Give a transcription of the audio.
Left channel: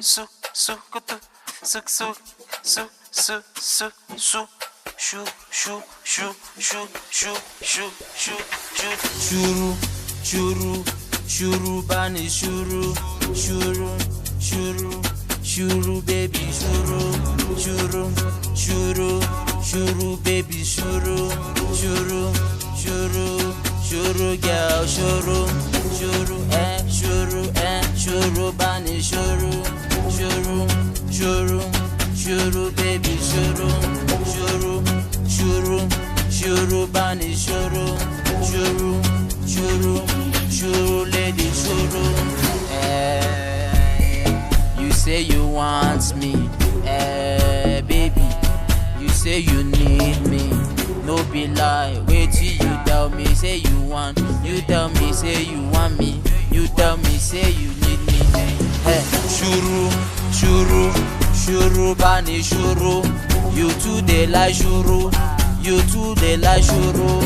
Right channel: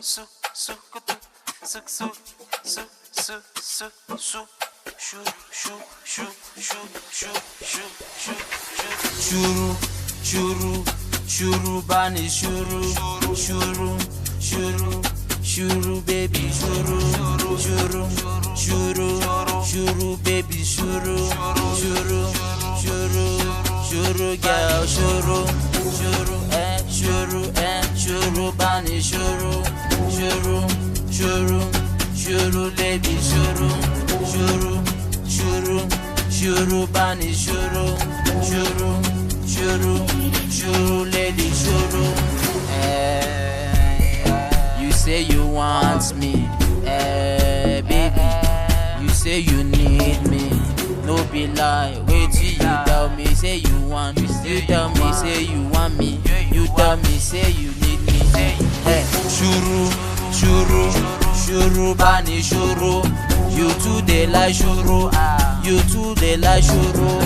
su su kutu su su su su su su shu shu shu shu shu shu shu Shuru shuru shuru bani shuru shuru shuru shuru baby shuru shuru shuru shuru baby shuru shuru shuru shuru girl shuru shuru bani shuru shuru baby shuru shuru bani shuru shuru lady shuru. You say you want me, baby. You say you need me. No be lie, wait till you tell me, say you want. You tell me, say you want me. You tell me, say you need me. Hey, shuru bani shuru. You too they like shuru. You too they like shuru.